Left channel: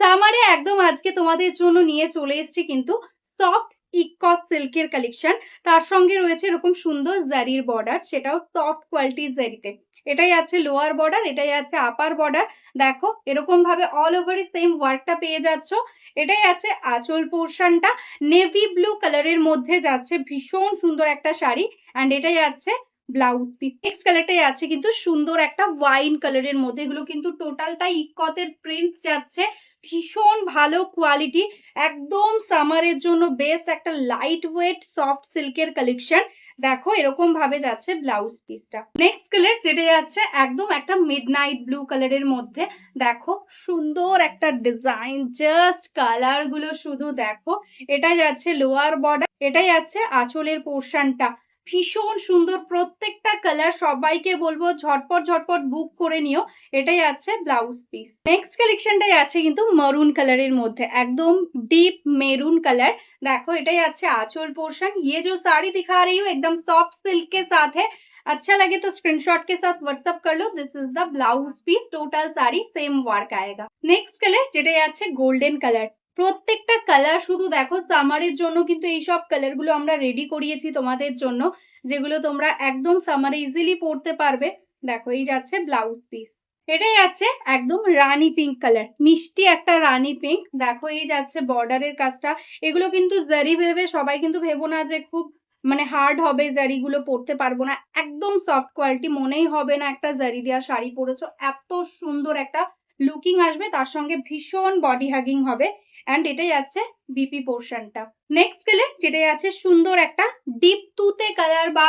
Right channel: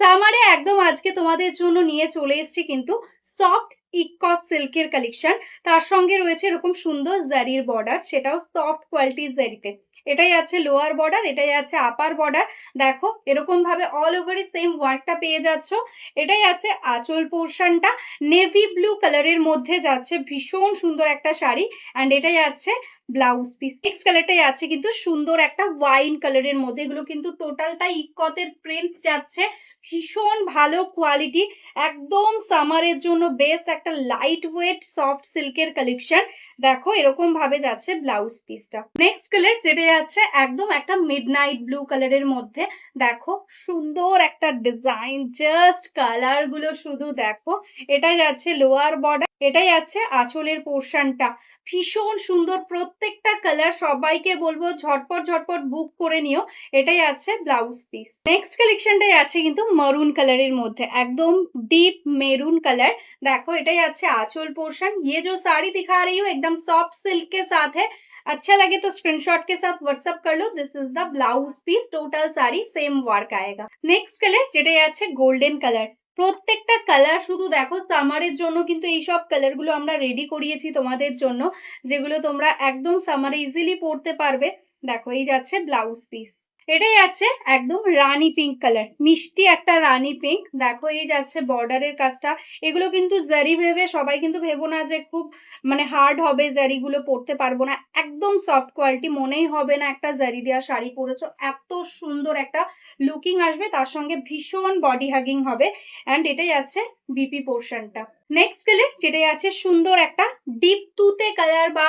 সামারে একদম আজকে তোমাদের জন্য নিয়ে চলে এসেছি কিন্তু সফট ইকট সিল্কের কালেকশন। তার সঙ্গে রয়েছে এরকম সুন্দর জারির বর্ডার, সেটাও সফট কোয়ালিটির জারিতে। এটাই আছে লোয়ার বর্ডার, এটাই আছে আপার বর্ডার। দেখো এরকম ভাবে অল ওভারই সেম ওয়ার্কটা পেয়ে যাচ্ছ। এটাই আছে আঁচল পোর্শনটা, নেভি ব্লু কালারের মধ্যে যাচ্ছে, ভীষণ সুন্দর একটা শাড়ি। অ্যান্ড এটাই আছে ব্লাউজ পিস। নেক্সট কালারটাই আছে কিন্তু সুন্দর একটা ওয়াইন কালারের মধ্যে, এগুলো কিন্তু টোটালটাই ইকতের প্রিন্ট যাচ্ছে, ভীষণ ভালো কোয়ালিটি, একদম সামারের জন্য বেস্ট একটা লাইট ওয়েট সফট সিল্কের কালেকশন। দেখো এরকম ভাবে যাচ্ছে ব্লাউজ পিসটা। নেক্সট কালার যেটা যাচ্ছে একদম একটা মিডনাইট ব্লু কালারের মধ্যে। দেখো সুন্দর একটা ডিজাইন, জাস্ট কালার গুলো শুধু দেখো। এটা যাচ্ছে লোয়ার বর্ডার, এটাই যাচ্ছে আঁচলের পোর্শনটা, ভীষণ সুন্দর প্রত্যেকটা কালার। সবাইকে বলবো ঝটপট ঝটপট বুক করে নিও। এটাই আছে ব্লাউজ পিস। নেক্সট কালেকশনটাই আছে কিন্তু মরুন কালারের মধ্যে, একদম डीप मेरून कलर। देखो এটাই আছে आंचल पोर्शन। ये जो साड़ी दिखा रही हूँ एकदम सॉफ्ट सिल्क के साथ है। अच्छा लगे तो स्क्रीनशॉट के साथ व्हाट्सएप कर लो। This is the blouse piece, total sari same work आएगा। नेक्स्ट कलर যেটাই আছে গোল্ডেন কালার। প্রত্যেকটা কালার শুধু দেখো সামারের জন্য কিন্তু এই সব কালার গুলো আমরা রেডি করিয়েছি তোমাদের জন্য, যেগুলো তোমরা একদম সামারে ইজিলি পরতে পারবে। দেখো এই যাচ্ছে ব্লাউজ পিস। এটাই আছে একদম রানী পিঙ্ক কালার, মিষ্টি একটা রানী পিঙ্ক। দেখো এই যাচ্ছে বর্ডারের কাজটা। এগুলো কিন্তু জারি ভেবে সবাই কিন্তু ভেবো না যে খুব মানে হার্ড হবে, জারিগুলো পরতে পারবো না, একদম সফট কোয়ালিটি, মনেই হবে না একটা জারি দেওয়া শাড়ি পরেছো। এত সুন্দর একটা লুকিং আসবে, তার সঙ্গে ভীষণ বডি হাগিং হবে। অ্যান্ড এটাই আছে বিপি পোর্শনটা। নেক্সট কালার যেটাই আছে সুন্দর একটা ডিপ তুতে কালার বা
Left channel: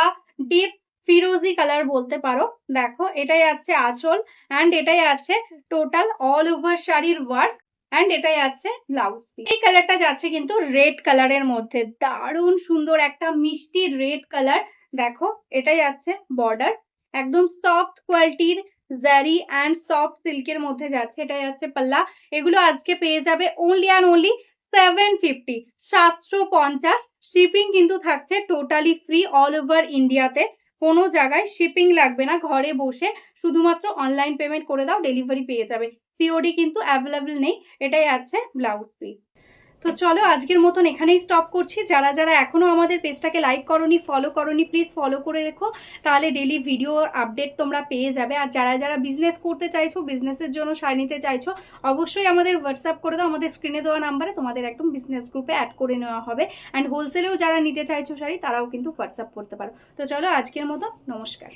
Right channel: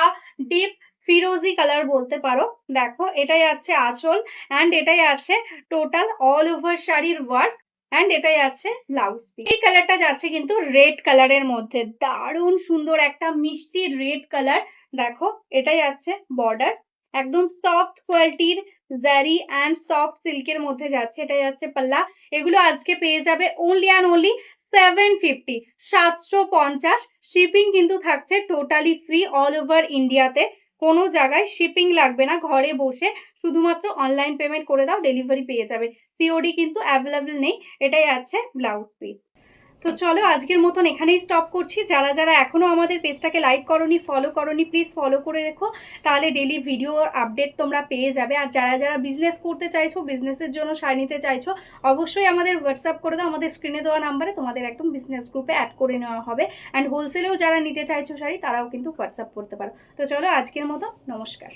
ডিপ ফিরোজি কালার বলতে পারো। দেখো এটাই আছে আঁচল, অ্যান্ড এটাই আছে টোটাল অল ওভার শাড়ির ওয়ার্ক। অ্যান্ড এটাই আছে ব্লাউজ পিস। এই কালারটা যাচ্ছে কিন্তু রেড কালারের মধ্যে, দারুণ সুন্দর একটা মিষ্টি রেড কালার। দেখো এটাই আছে বর্ডার, একদম সফট কোয়ালিটির জারি অ্যান্ড সফট সিল্কের মধ্যে যাচ্ছে। এটাই আছে পাল্লা। এগুলো আজকে পেয়ে যাবে অনলি অ্যান্ড অনলি 750, 750। শিপিং কিন্তু থাকছে টোটালি ফ্রি অল ওভার ইন্ডিয়াতে, কোনো জায়গায় শিপিং লাগবে না। ঘরে বসে শুধুমাত্র অনলাইন পেমেন্ট করে দাও, ডেলিভারি পেয়ে যাবে। সিওডি কিন্তু অ্যাভেলেবল নেই। এটাই আছে ব্লাউজ পিস। তো চলো আজকের মতন এখানেই স্টপ করছি। যারা যারা এখনো আমাদের পেজটাকে লাইক করনি, ফলো করনি, প্লিজ ফলো করে রেখো, তাহলে ডেলি ভিডিও আপডেট তোমরা পেয়ে যাবে। আর যারা যারা বিজনেস করতে চাইছো, বিজনেসের জন্য শাড়ি নিতে চাইছো, অবশ্যই আমাদের হোয়াটসঅ্যাপ করে দাও। আমাদের স্ক্রিনে দেওয়া নাম্বারে তোমাদের একদম বিজনেস গ্রুপে অ্যাড করে নেওয়া হবে। অ্যান্ড হোলসেলেও যারা নিতে চাইছো শাড়ি, তারাও কিন্তু হোয়াটসঅ্যাপ করতে পারো। তো চলো আজকের মতো নমস্কার।